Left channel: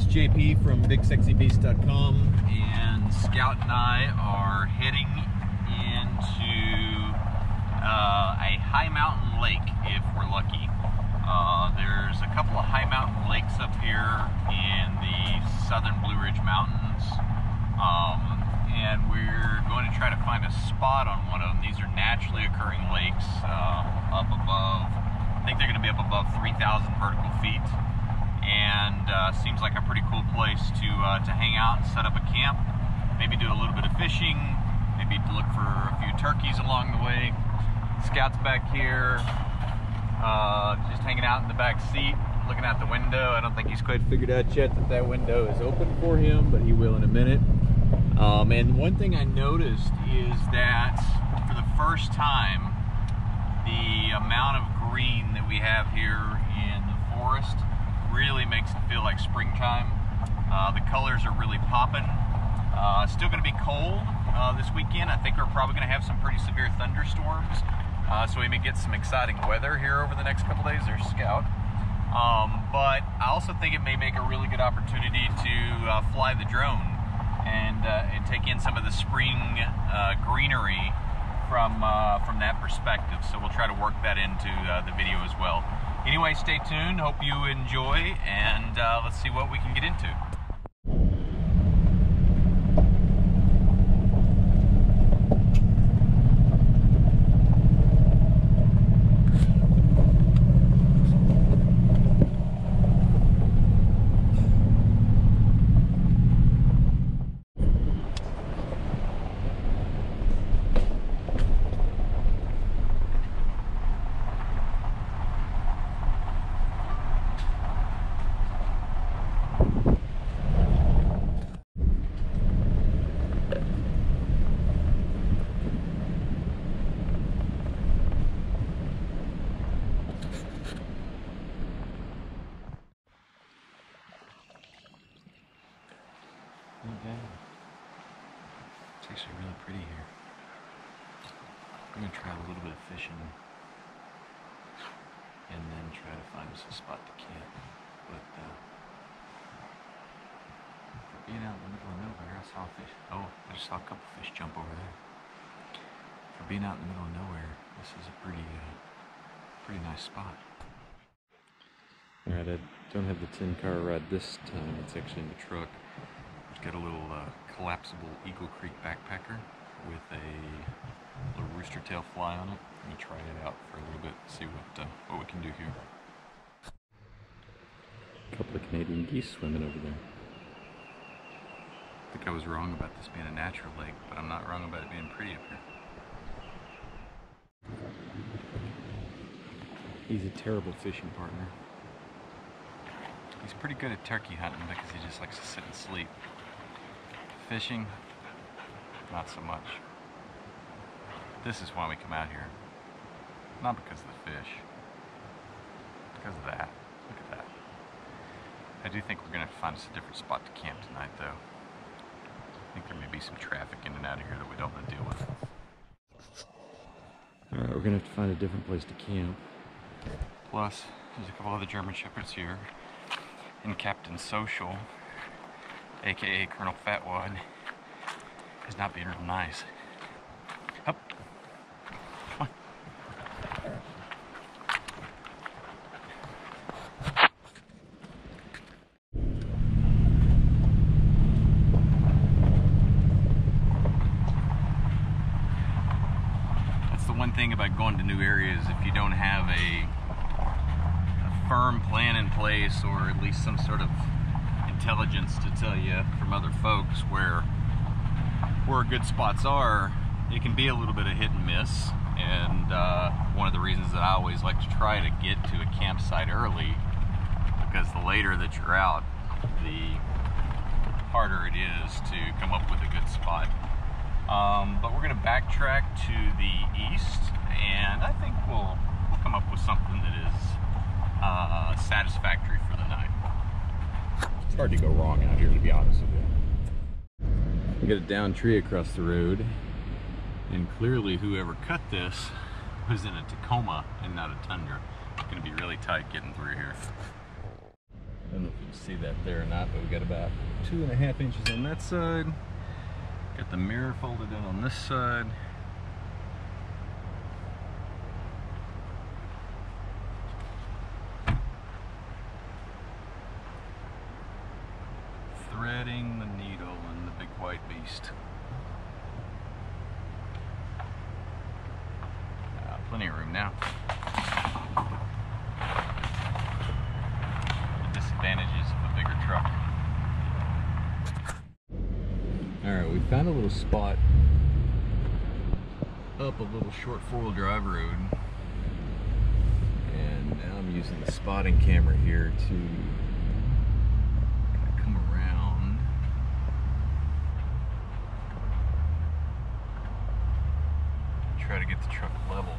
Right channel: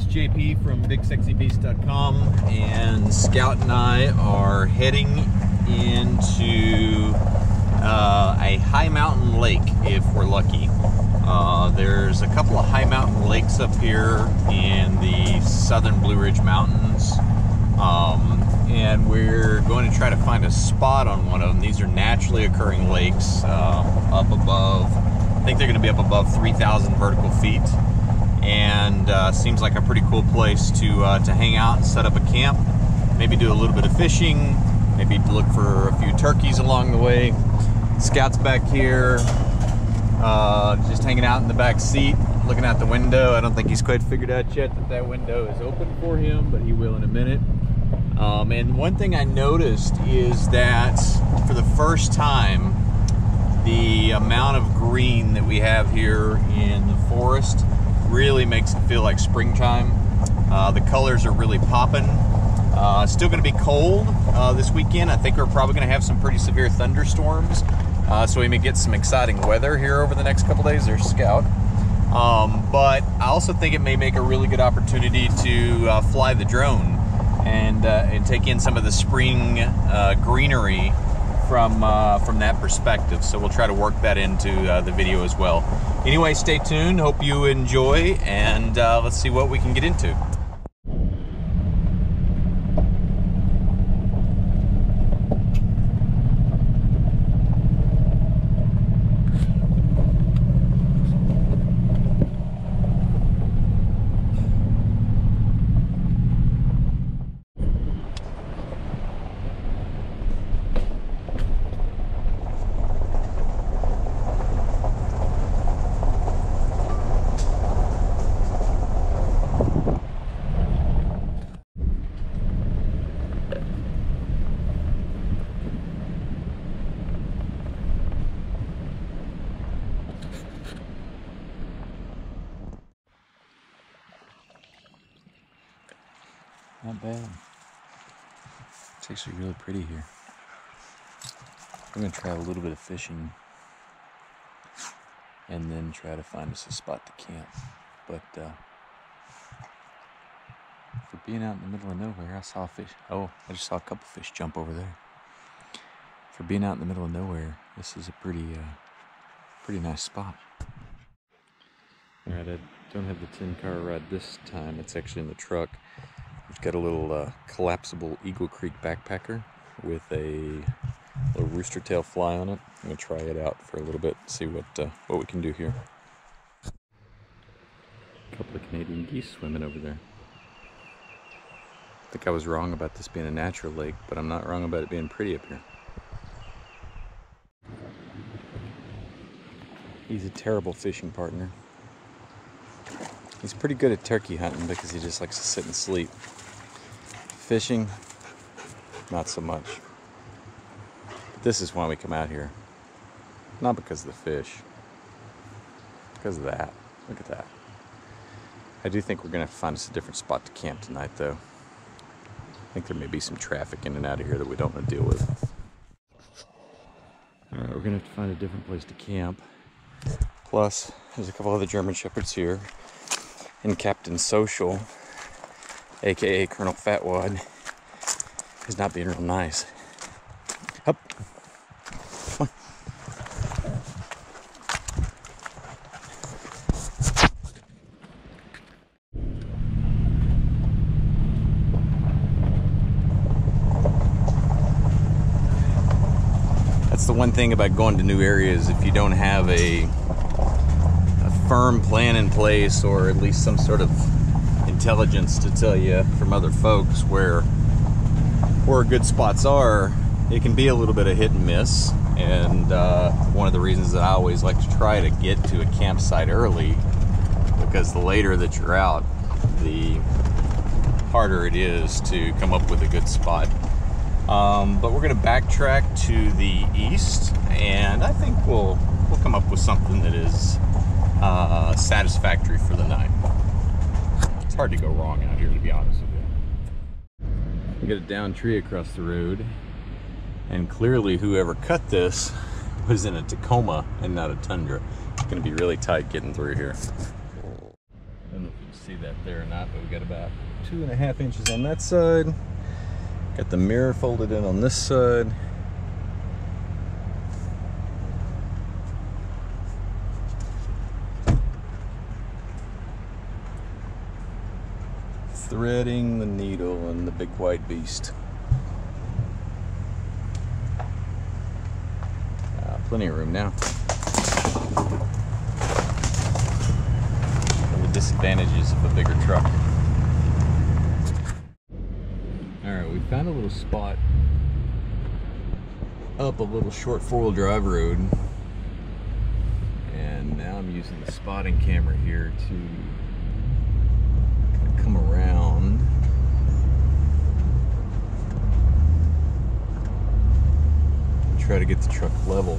is JP from BigSexyBeast.com, and Scout and I are heading into a high mountain lake if we're lucky. There's a couple of high mountain lakes up here in the southern Blue Ridge Mountains, and we're going to try to find a spot on one of them. These are naturally occurring lakes up above, I think they're going to be up above 3,000 vertical feet, and seems like a pretty cool place to hang out and set up a camp, maybe do a little bit of fishing, maybe look for a few turkeys along the way. Scout's back here, just hanging out in the back seat, looking out the window. I don't think he's quite figured out yet that that window is open for him, but he will in a minute. And one thing I noticed is that for the first time, the amount of green that we have here in the forest really makes it feel like springtime. The colors are really popping. It's still going to be cold this weekend. I think we're probably going to have some pretty severe thunderstorms, so we may get some exciting weather here over the next couple days. There's Scout. But I also think it may make a really good opportunity to fly the drone and take in some of the spring greenery from that perspective. So we'll try to work that into the video as well. Anyway, stay tuned. Hope you enjoy, and let's see what we can get into. Not bad. It's actually really pretty here. We're going to try a little bit of fishing and then try to find us a spot to camp. But for being out in the middle of nowhere, I saw a fish. Oh, I just saw a couple fish jump over there. For being out in the middle of nowhere, this is a pretty nice spot. Alright, I don't have the 10-car ride this time. It's actually in the truck. We've got a little collapsible Eagle Creek backpacker with a little rooster tail fly on it. I'm going to try it out for a little bit, see what we can do here. A couple of Canadian geese swimming over there. I think I was wrong about this being a natural lake, but I'm not wrong about it being pretty up here. He's a terrible fishing partner. He's pretty good at turkey hunting because he just likes to sit and sleep. Fishing, not so much. This is why we come out here. Not because of the fish. Because of that. Look at that. I do think we're going to have to find us a different spot to camp tonight, though. I think there may be some traffic in and out of here that we don't want to deal with. Alright, we're going to have to find a different place to camp. Plus, there's a couple other German Shepherds here. And Captain Social, aka Colonel Fatwad, is not being real nice. Up. Come on. That's the one thing about going to new areas. If you don't have a firm plan in place, or at least some sort of intelligence to tell you from other folks where good spots are, it can be a little bit of hit and miss. And one of the reasons that I always like to try to get to a campsite early, because the later that you're out, the harder it is to come up with a good spot. But we're going to backtrack to the east, and I think we'll come up with something that is satisfactory for the night. It's hard to go wrong out here, to be honest with you. We got a downed tree across the road, and clearly whoever cut this was in a Tacoma and not a Tundra. It's going to be really tight getting through here. I don't know if you can see that there or not, but we got about 2.5 inches on that side. Got the mirror folded in on this side. Threading the needle in the big white beast. Plenty of room now. One of the disadvantages of a bigger truck. Alright, we found a little spot up a little short four-wheel drive road. And now I'm using the spotting camera here to come around. Try to get the truck level.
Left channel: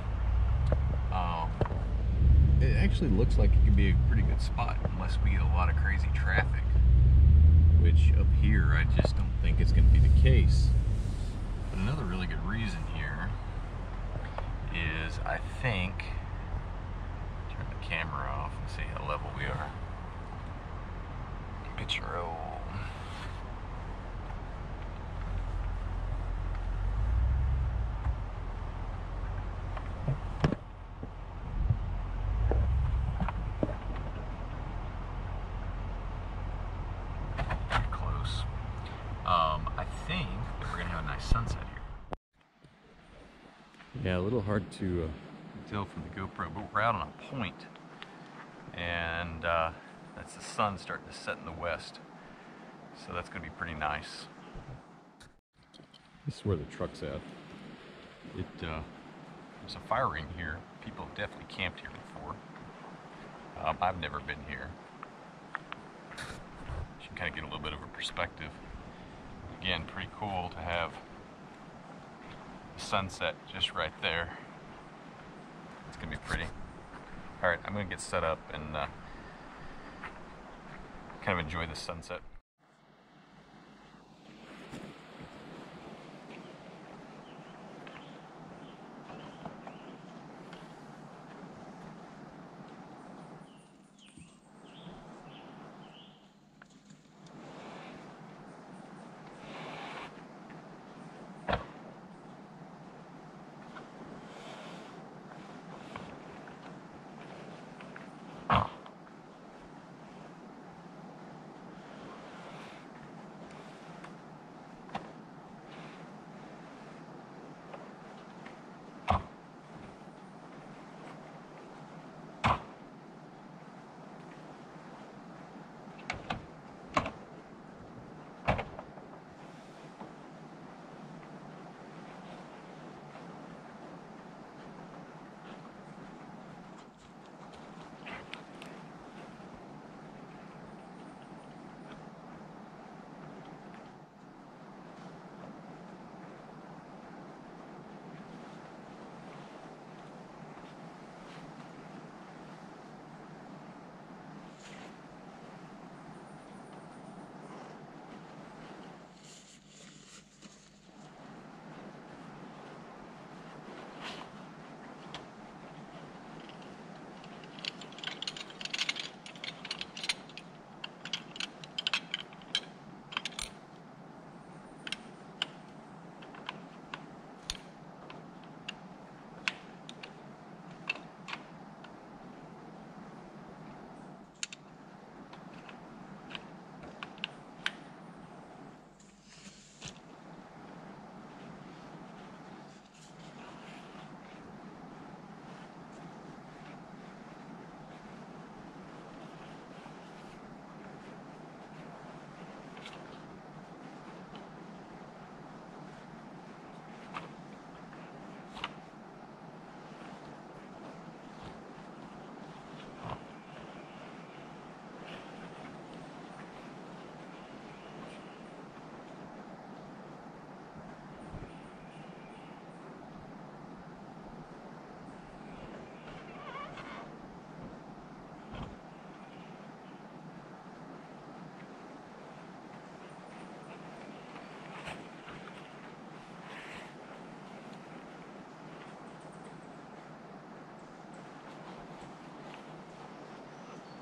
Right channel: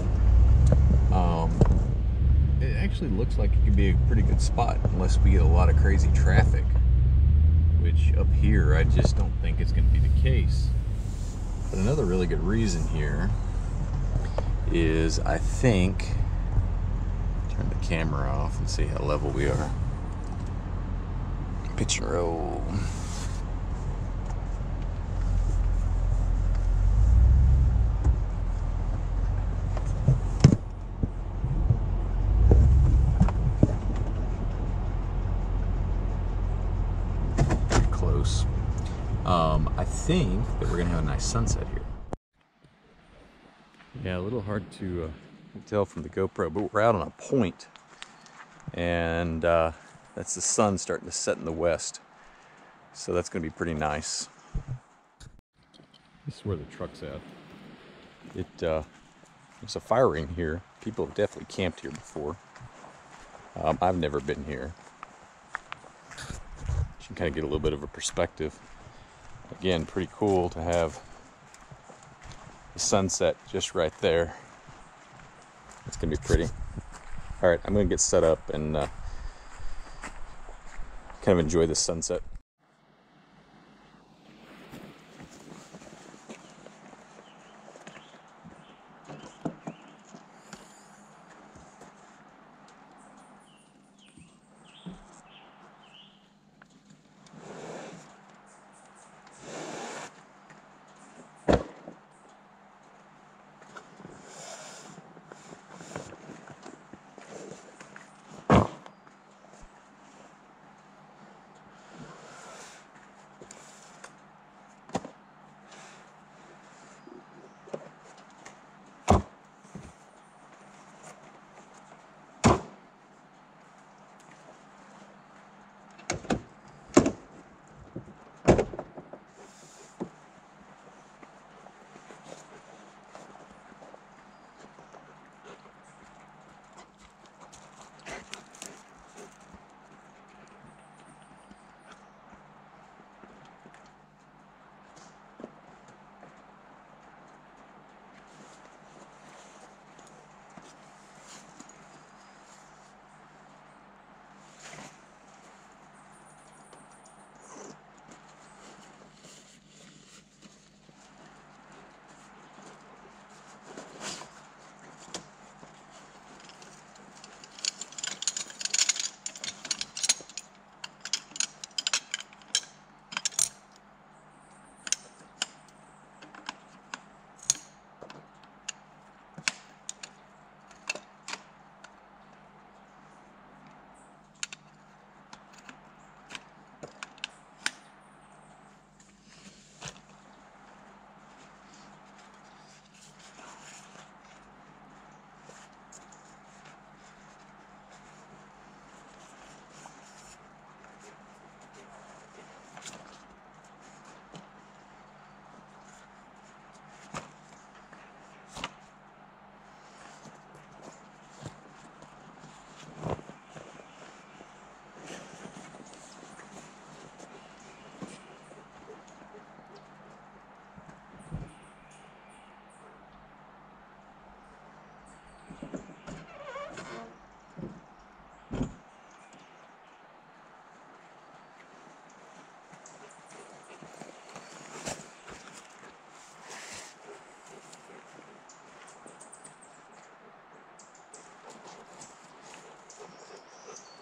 It actually looks like it could be a pretty good spot unless we get a lot of crazy traffic, which up here I just don't think it's going to be the case. But another really good reason here is I think, turn the camera off and see how level we are. Pitch and roll. Close. I think that we're gonna have a nice sunset here. Yeah, a little hard to tell from the GoPro, but we're out on a point, and that's the sun starting to set in the west, so that's gonna be pretty nice. This is where the truck's at. There's a fire ring here. People have definitely camped here before. I've never been here. You can kind of get a little bit of a perspective. Again, pretty cool to have the sunset just right there. It's gonna be pretty. All right, I'm gonna get set up and kind of enjoy the sunset.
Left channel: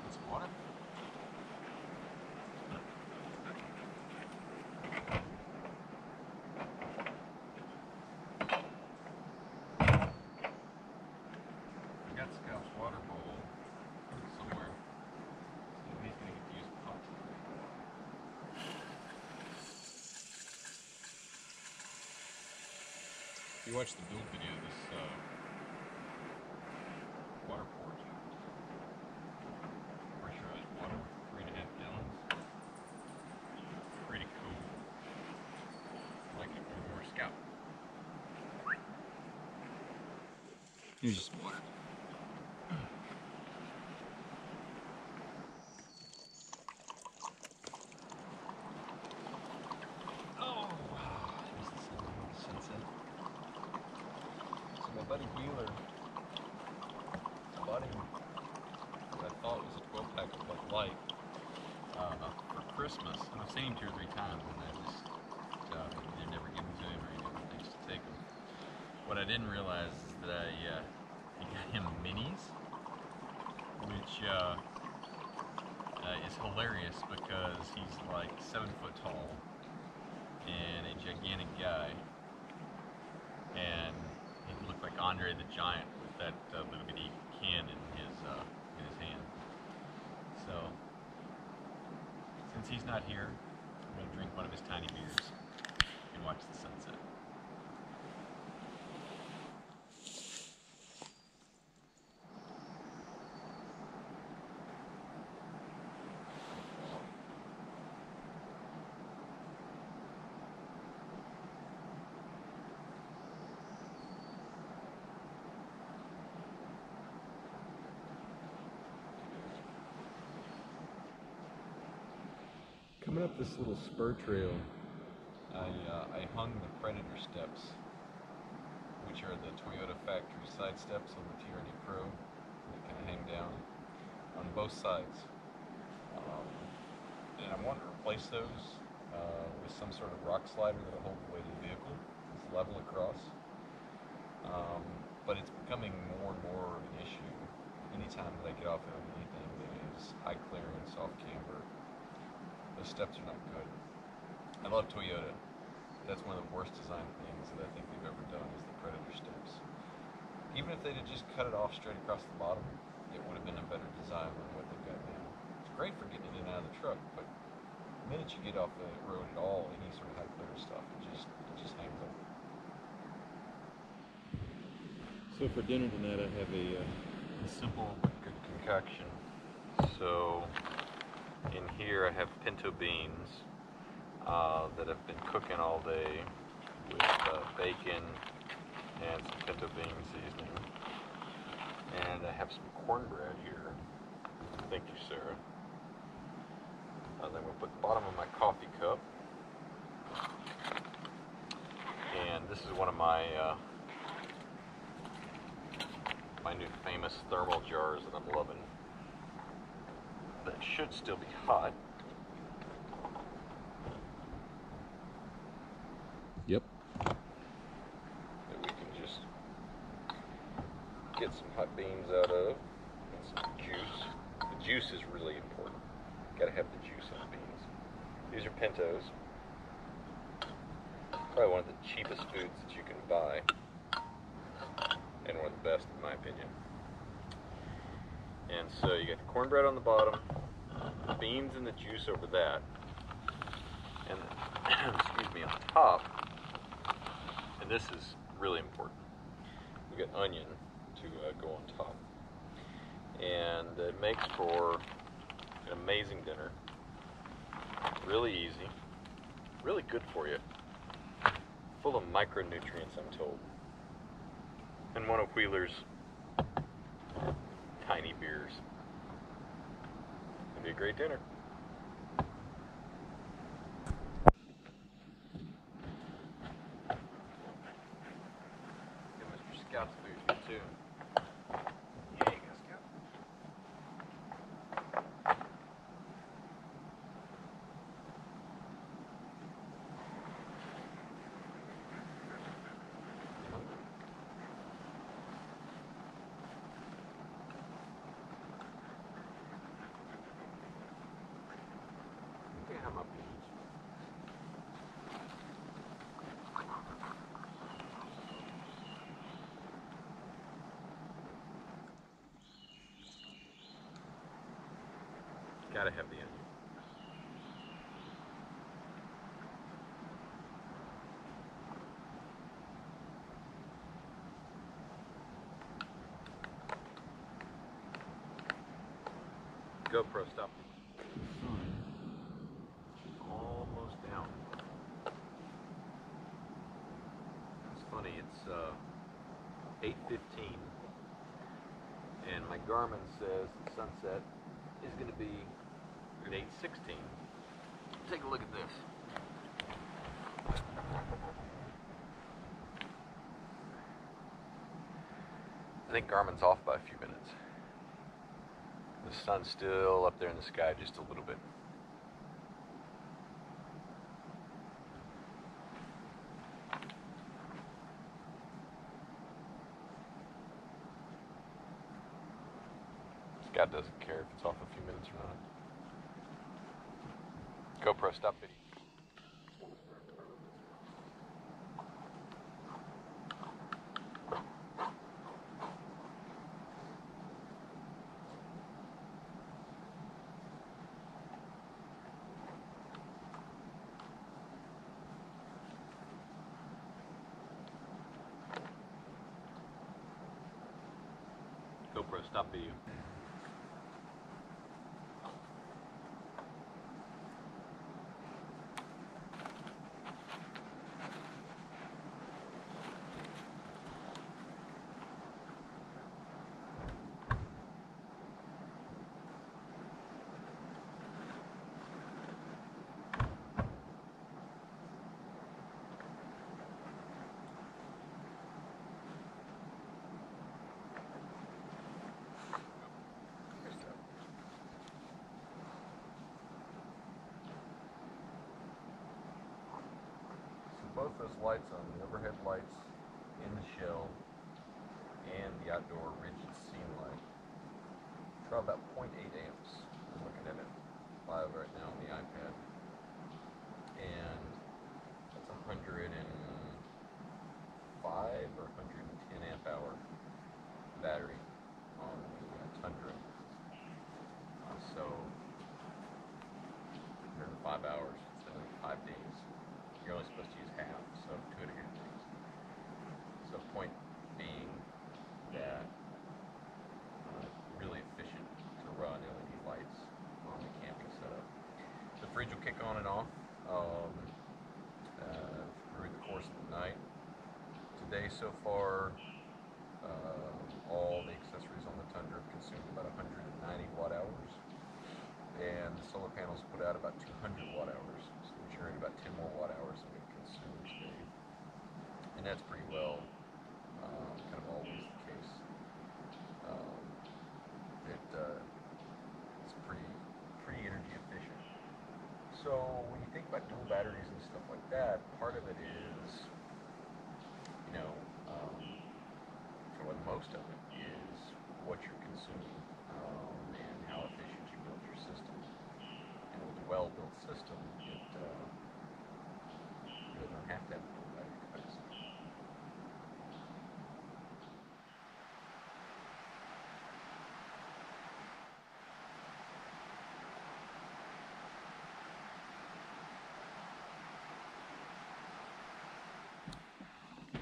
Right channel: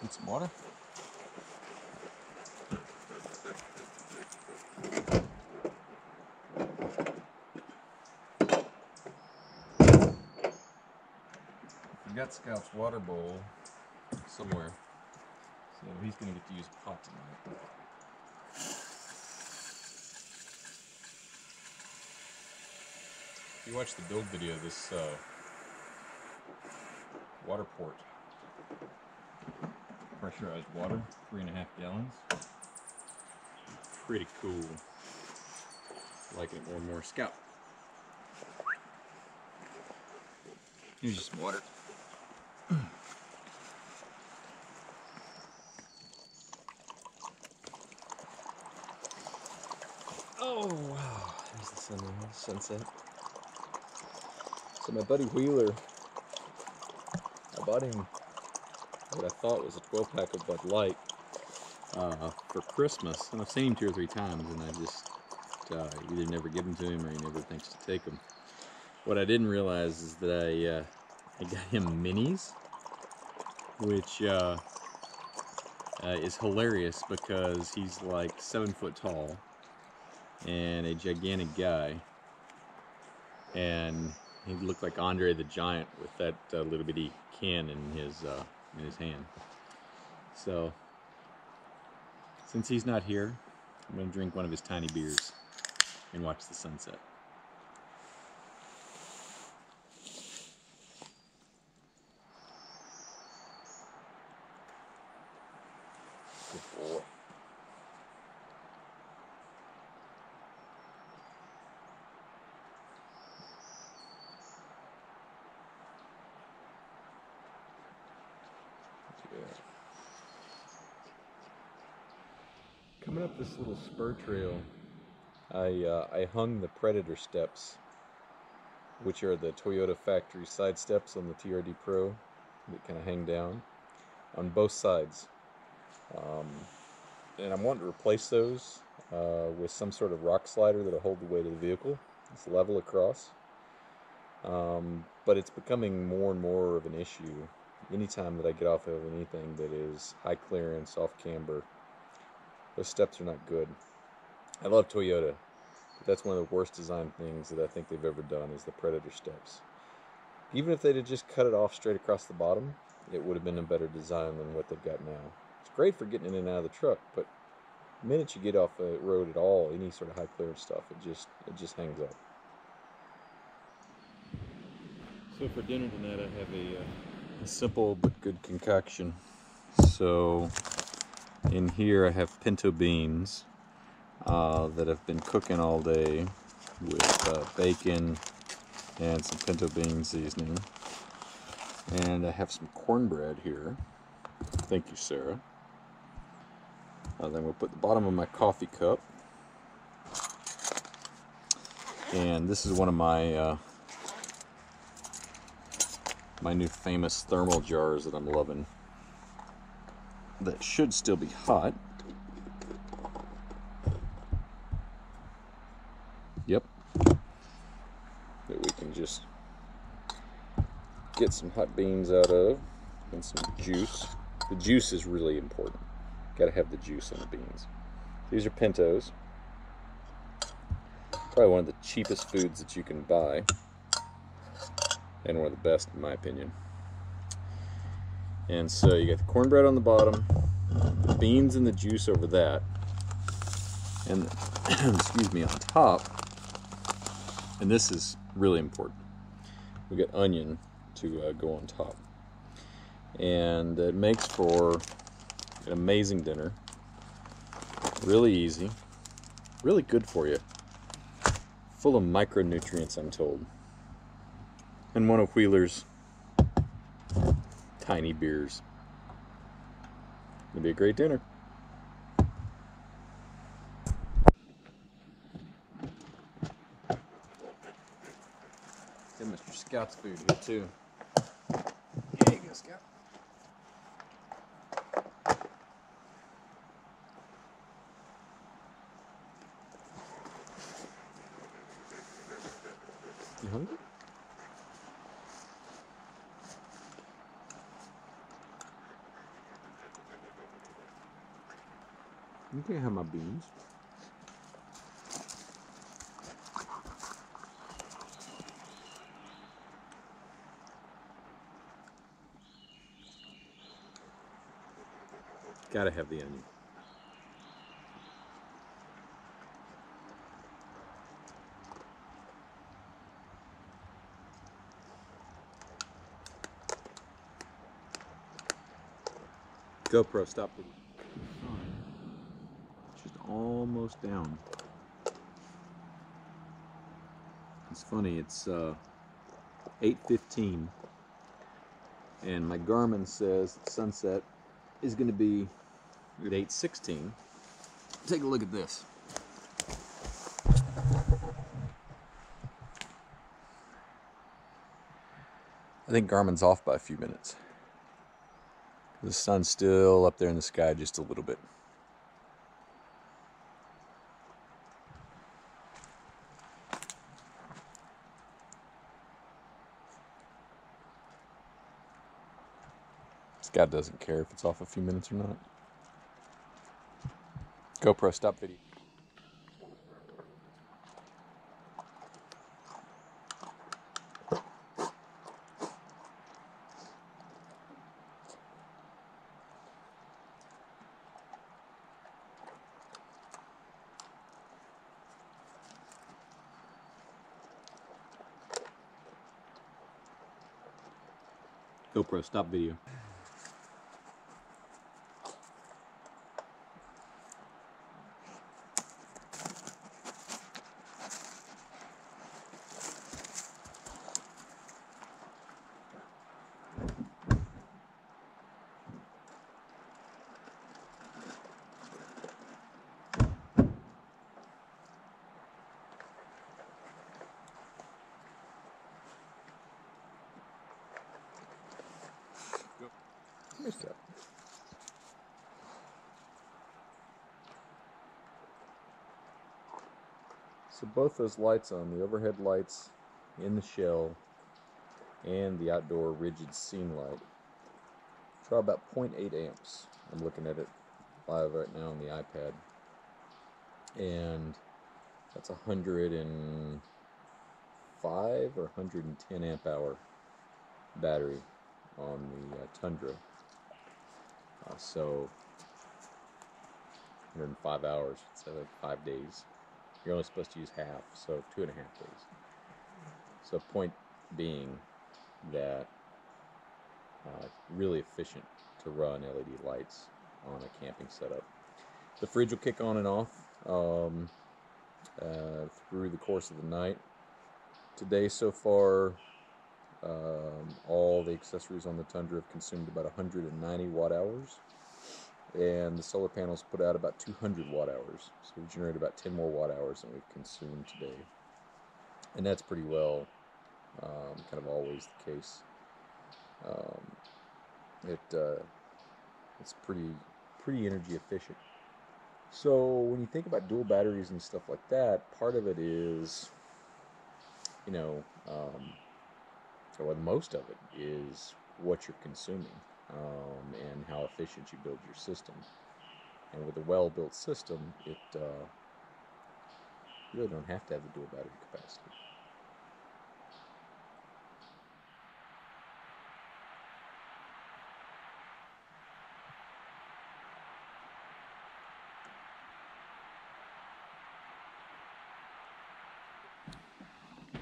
Need some water? got Scout's water bowl somewhere, so he's going to get to use a pot tonight. If you watch the build video of this water port, pressurized water, 3.5 gallons, pretty cool. Like it more and more. Scout. Here's just water. Oh wow, there's the sunset. So my buddy Wheeler, I bought him what I thought was a 12-pack of Bud Light for Christmas, and I've seen him 2 or 3 times, and I just either never give them to him or he never thinks to take them. What I didn't realize is that I got him minis, which is hilarious because he's like 7 foot tall and a gigantic guy, and he looked like Andre the Giant with that little bitty can in his hand. So since he's not here, I'm going to drink one of his tiny beers and watch the sunset. Good boy. Coming up this little spur trail, I hung the Predator steps, which are the Toyota factory side steps on the TRD Pro that kind of hang down on both sides. And I'm wanting to replace those with some sort of rock slider that'll hold the weight of the vehicle. It's level across. But it's becoming more and more of an issue anytime that I get off of anything that is high clearance, off camber. Those steps are not good. I love Toyota. That's one of the worst design things that I think they've ever done is the Predator steps. Even if they'd have just cut it off straight across the bottom, it would have been a better design than what they've got now. It's great for getting in and out of the truck, but the minute you get off the road at all, any sort of high clearance stuff, it just hangs up. So for dinner tonight, I have a simple but good concoction. So in here I have pinto beans that have been cooking all day with bacon and some pinto bean seasoning. And I have some cornbread here. Thank you, Sarah. Then we'll put the bottom of my coffee cup. And this is one of my my new famous thermal jars that I'm loving. That should still be hot. Yep. That we can just get some hot beans out of and some juice. The juice is really important. Gotta have the juice in the beans. These are pintos. Probably one of the cheapest foods that you can buy. And one of the best in my opinion. And so you got the cornbread on the bottom, the beans and the juice over that, and excuse me, on top, and this is really important, we got onion to go on top. And it makes for an amazing dinner. Really easy, really good for you, full of micronutrients, I'm told. And one of Wheeler's tiny beers. It'll be a great dinner. Got Mr. Scout's food here too. There you go, Scout. You hungry? You can have my beans. Gotta have the onion. GoPro, stop the sun. Just almost down. It's funny, it's 8:15 and my Garmin says that sunset is going to be at 8:16. Take a look at this. I think Garmin's off by a few minutes. The sun's still up there in the sky just a little bit. Scott doesn't care if it's off a few minutes or not. GoPro, stop video. GoPro, stop video. So both those lights on, the overhead lights in the shell and the outdoor rigid scene light, draw about 0.8 amps. I'm looking at it live right now on the iPad. And that's 105 or 110 amp hour battery on the Tundra. So 105 hours, so like 5 days. You're only supposed to use half, so 2.5 days. So point being that really efficient to run LED lights on a camping setup. The fridge will kick on and off through the course of the night. Today so far, all the accessories on the Tundra have consumed about 190 watt hours, and the solar panels put out about 200 watt hours. So we generate about 10 more watt hours than we've consumed today, and that's pretty well kind of always the case. It's pretty energy efficient. So when you think about dual batteries and stuff like that, part of it is, you know, or most of it is what you're consuming and how efficient you build your system. And with a well-built system, you really don't have to have the dual battery capacity.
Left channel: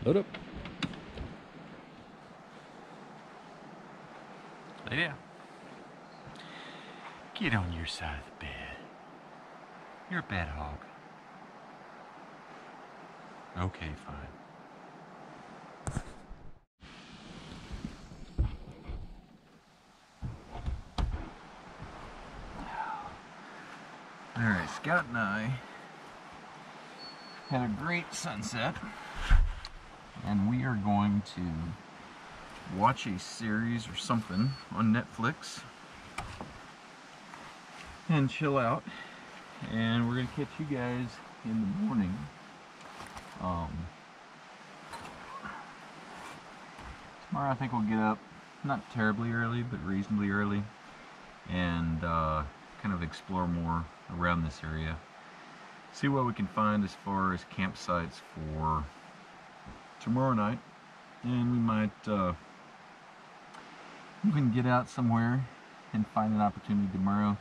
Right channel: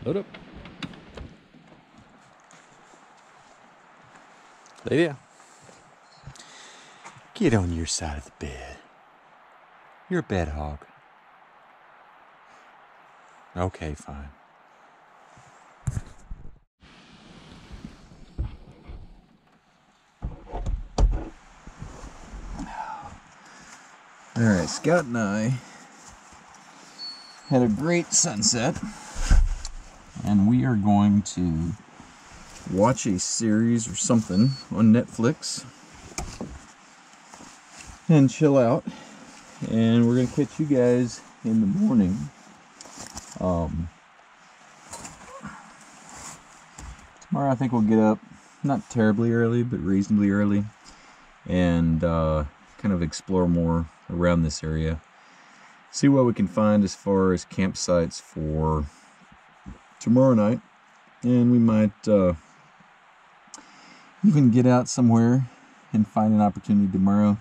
Load up. Lady, get on your side of the bed. You're a bed hog. Okay, fine. All right, Scout and I had a great sunset, and we are going to watch a series or something on Netflix and chill out, and we're gonna catch you guys in the morning. Tomorrow I think we'll get up not terribly early but reasonably early and kind of explore more around this area, see what we can find as far as campsites for tomorrow night, and we might even get out somewhere and find an opportunity tomorrow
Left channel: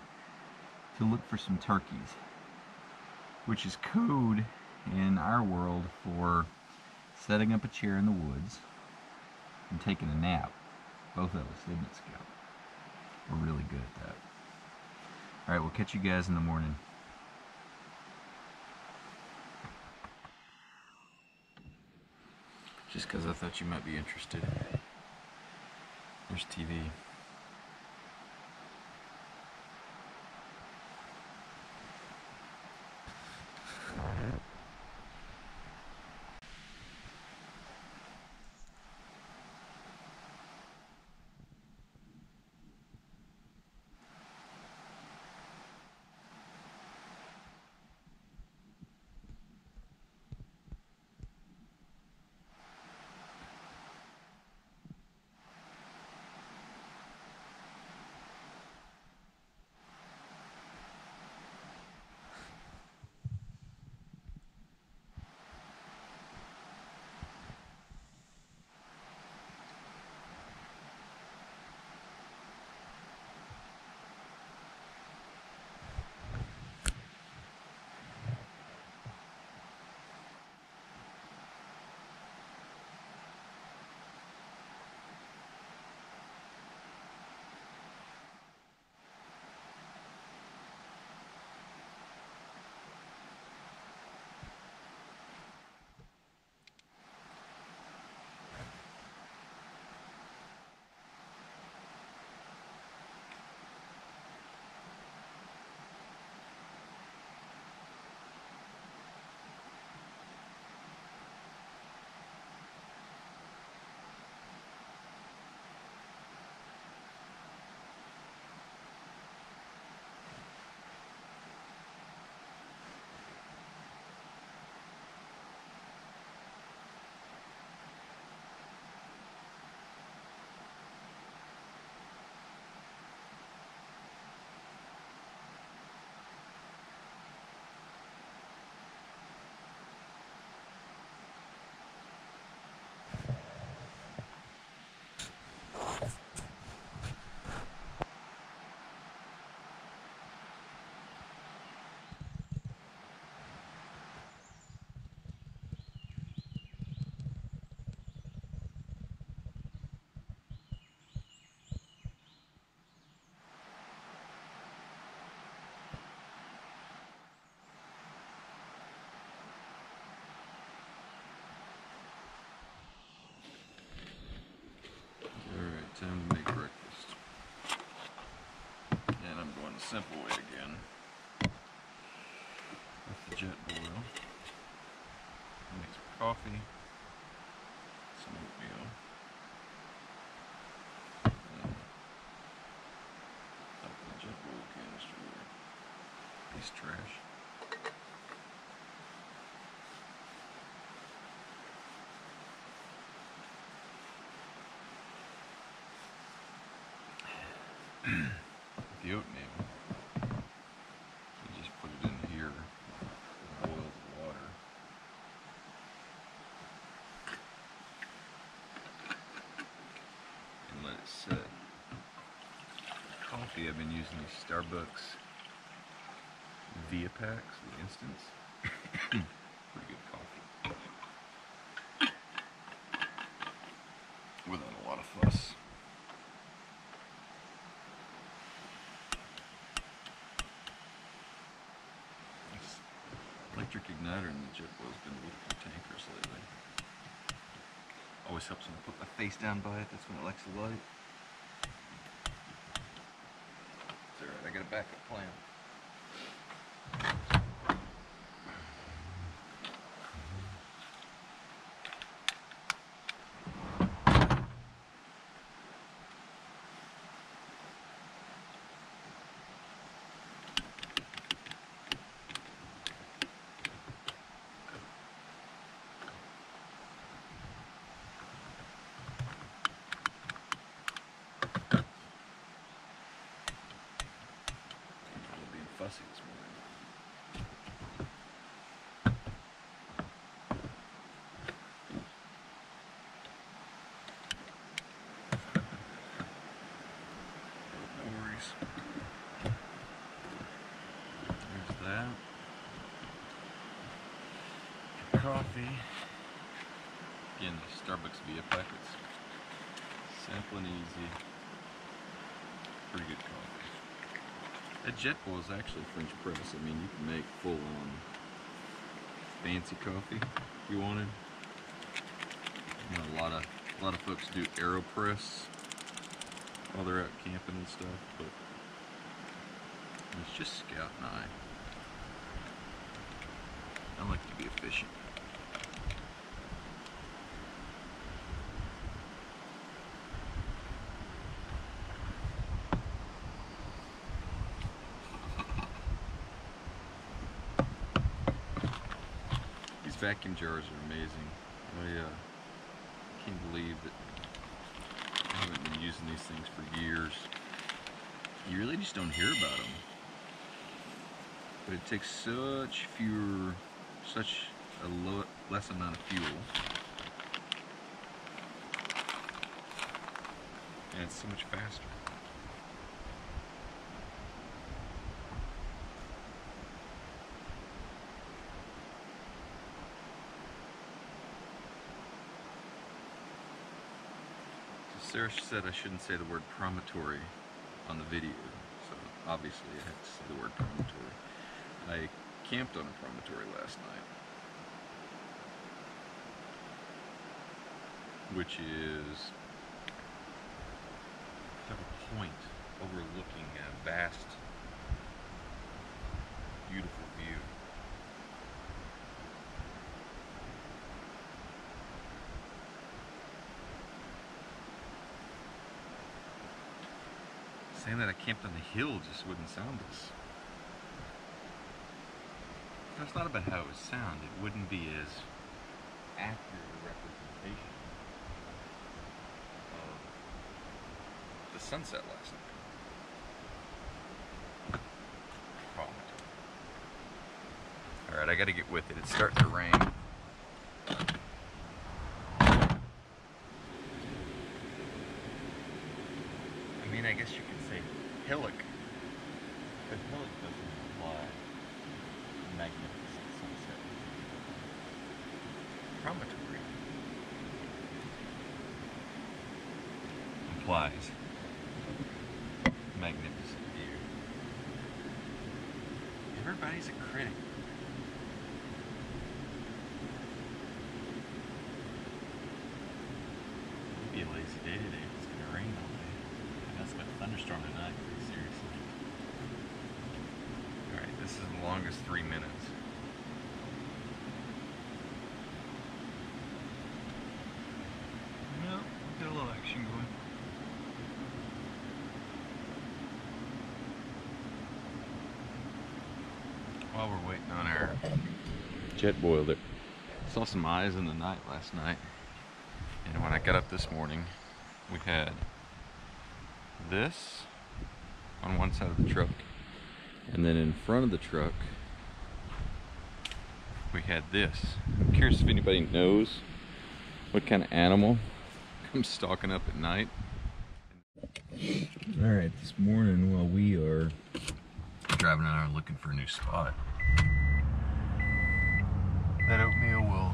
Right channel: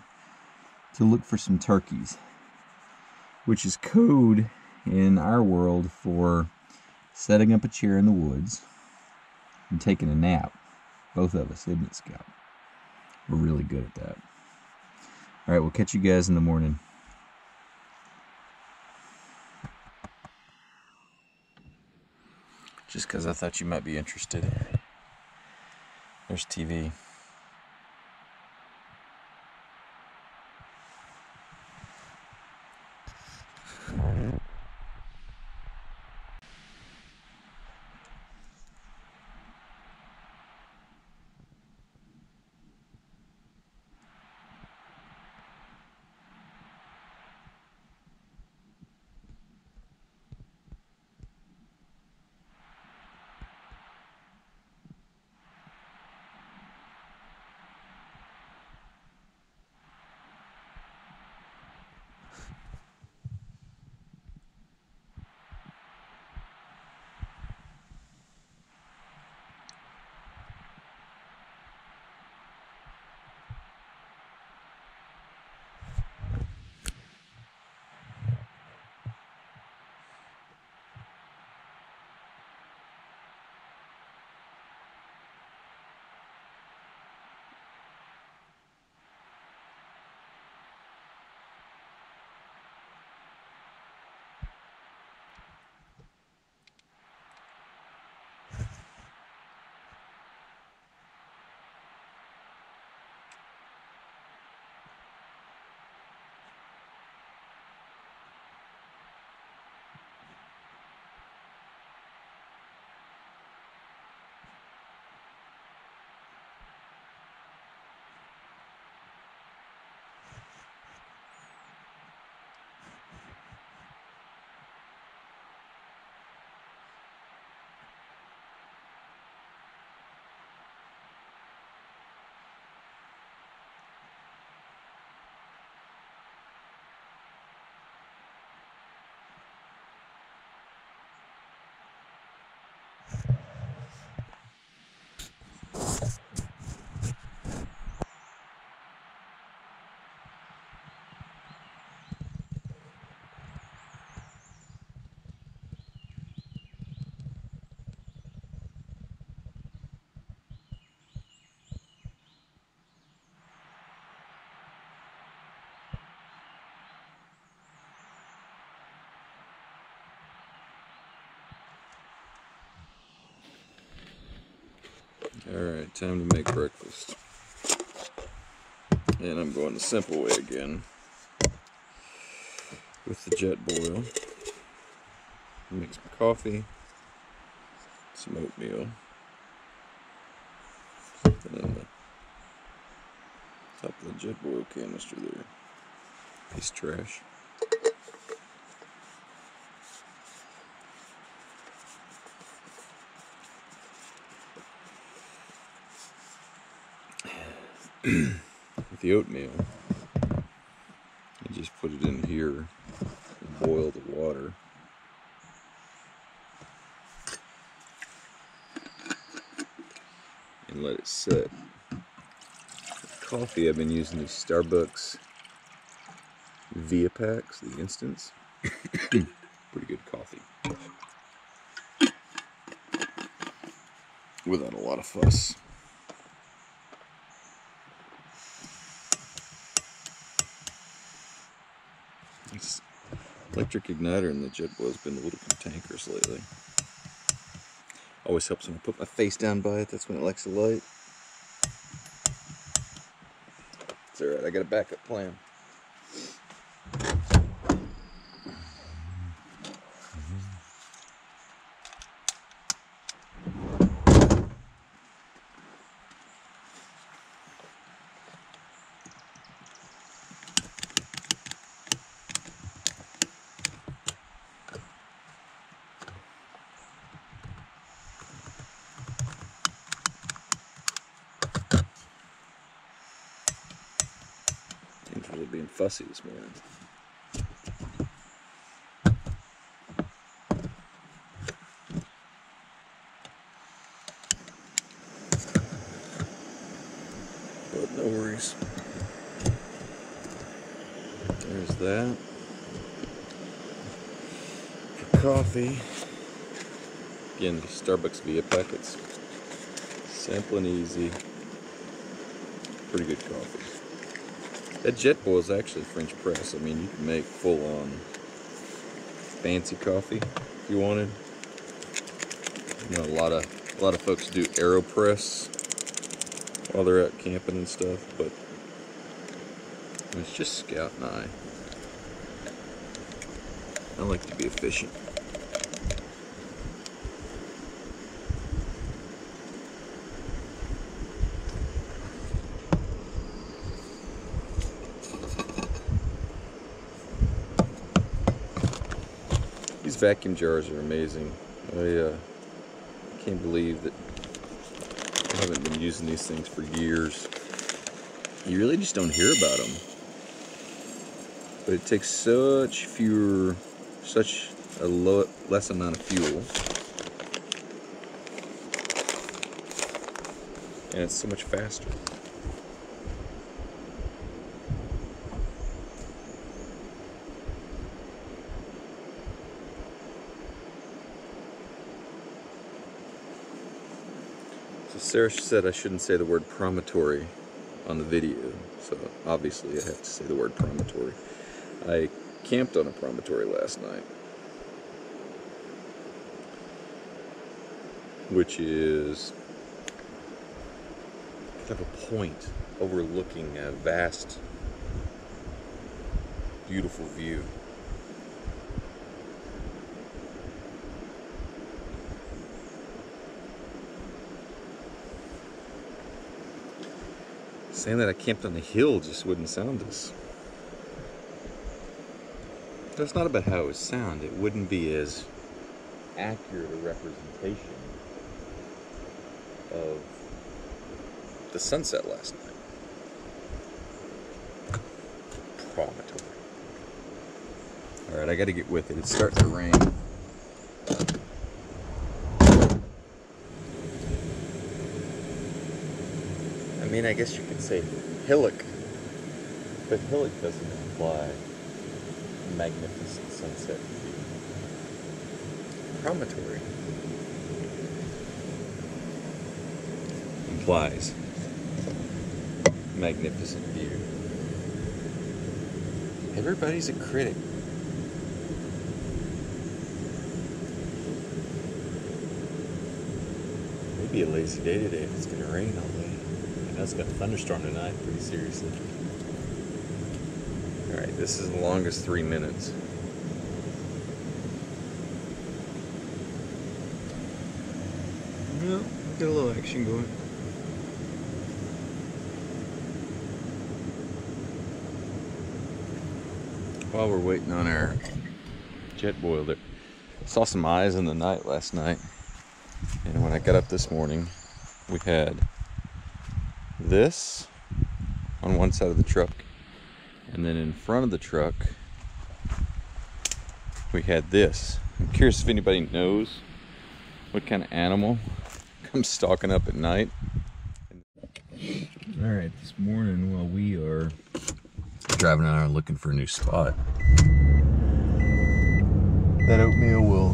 to look for some turkeys, which is code in our world for setting up a chair in the woods and taking a nap. Both of us, isn't it, Scout? We're really good at that. All right, we'll catch you guys in the morning. Just because I thought you might be interested. There's TV. Alright, time to make breakfast. And I'm going the simple way again. With the jet boil. Mix my coffee. Some oatmeal. Something on the top of the jet boil canister there. Piece of trash. With the oatmeal, I just put it in here and boil the water. And let it set. With coffee, I've been using these Starbucks Via Packs, the Instants. Pretty good coffee. Without a lot of fuss. This electric igniter in the jet boil has been a little cantankerous lately. Always helps when I put my face down by it, that's when it likes the light. It's alright, I got a backup plan. Really being fussy this morning. But no worries. that. For coffee, again, Starbucks via packets. Simple and easy. Pretty good coffee. That jet boil is actually French press. I mean, you can make full-on fancy coffee if you wanted. You know, a lot of folks do AeroPress while they're out camping and stuff, but it's just Scout and I like to be efficient. These vacuum jars are amazing. I can't believe that I haven't been using these things for years. You really just don't hear about them. But it takes such a less amount of fuel. And it's so much faster. So Sarah said I shouldn't say the word promontory on the video, so obviously I have to say the word promontory. I camped on a promontory last night, which is kind of a point overlooking a vast, beautiful view. Saying that I camped on a hill just wouldn't sound as... It's not about how it would sound. It wouldn't be as accurate a representation of the sunset last night. Promontory. Alright, I gotta get with it. It's starting to rain. I mean, I guess you could say hillock, but hillock doesn't imply magnificent sunset view. Promontory implies magnificent view. Everybody's a critic. Maybe a lazy day today if it's going to rain all day. I know it's got a thunderstorm tonight, pretty seriously. Alright, this is the longest 3 minutes. No, we got a little action going. While we're waiting on our jet boil, there, saw some eyes in the night last night, and when I got up this morning, we had this on one side of the truck, and then in front of the truck we had this. I'm curious if anybody knows what kind of animal comes stalking up at night. Alright, this morning while we are driving around looking for a new spot, that oatmeal will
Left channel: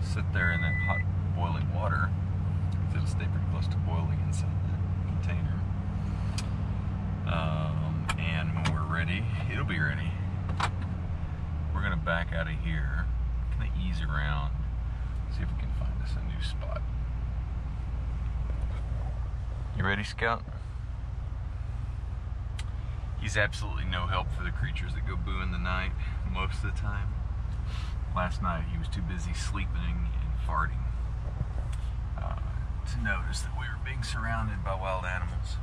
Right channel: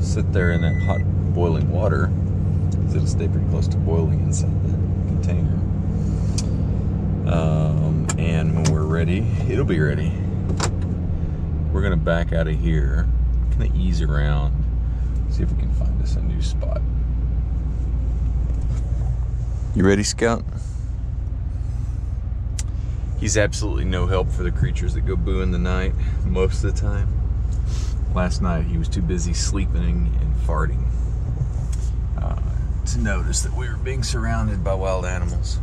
sit there in that hot boiling water because it'll stay pretty close to boiling inside that container. And when we're ready, it'll be ready. We're gonna back out of here, kind of ease around, see if we can find us a new spot. You ready, Scout? He's absolutely no help for the creatures that go boo in the night most of the time. Last night he was too busy sleeping and farting to notice that we were being surrounded by wild animals.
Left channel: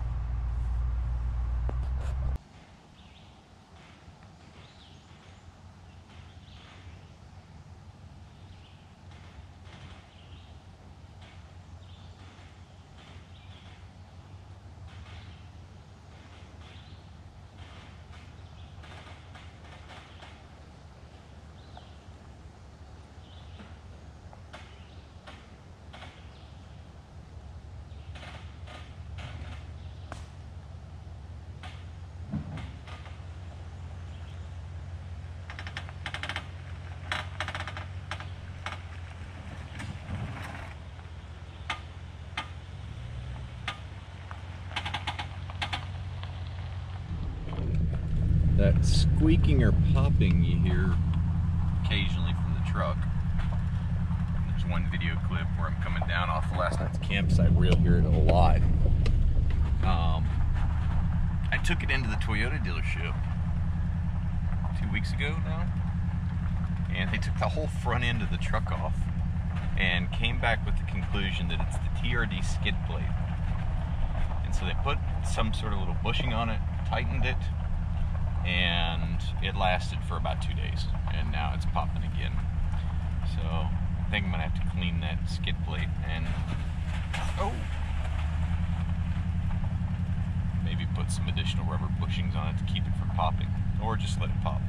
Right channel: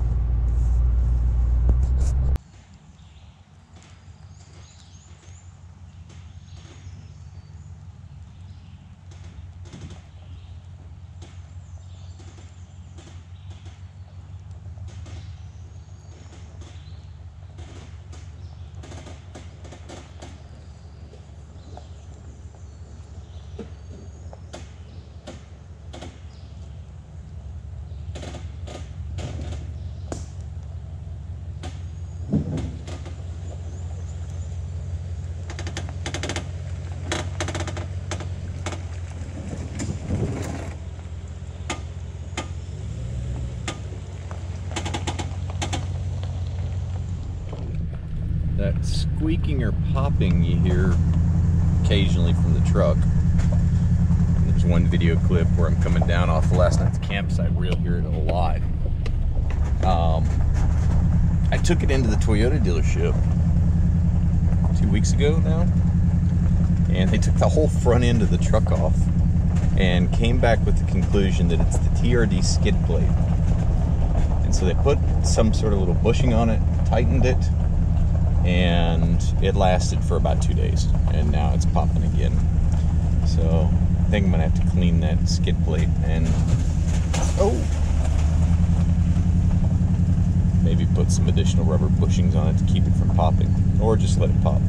squeaking or popping you hear occasionally from the truck. And there's one video clip where I'm coming down off of last night's campsite where you'll hear it a lot. I took it into the Toyota dealership 2 weeks ago now, and they took the whole front end of the truck off and came back with the conclusion that it's the TRD skid plate. And so they put some sort of little bushing on it, tightened it, and it lasted for about 2 days, and now it's popping again. So I think I'm gonna have to clean that skid plate and maybe put some additional rubber bushings on it to keep it from popping, or just let it pop.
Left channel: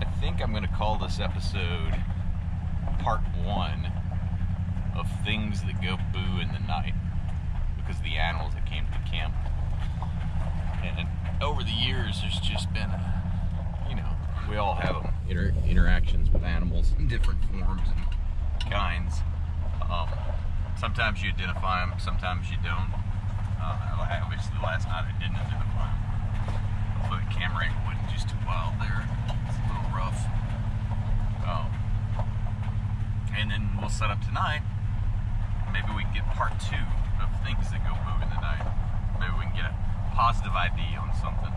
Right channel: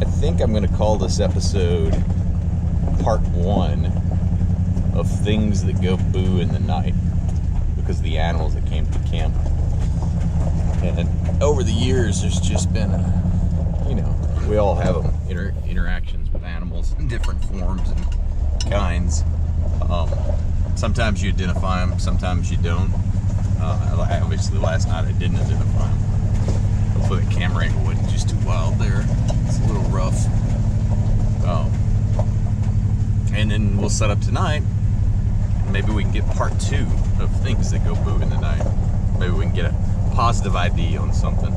I think I'm going to call this episode part 1 of things that go boo in the night, because of the animals that came to camp. And over the years, there's just been we all have them, interactions with animals in different forms and kinds. Sometimes you identify them, sometimes you don't. Obviously last night I didn't identify them. Hopefully the camera angle wasn't just too wild there. It's a little rough. And then we'll set up tonight. Maybe we can get part 2 of things that go boo in the night. Maybe we can get a positive ID on something.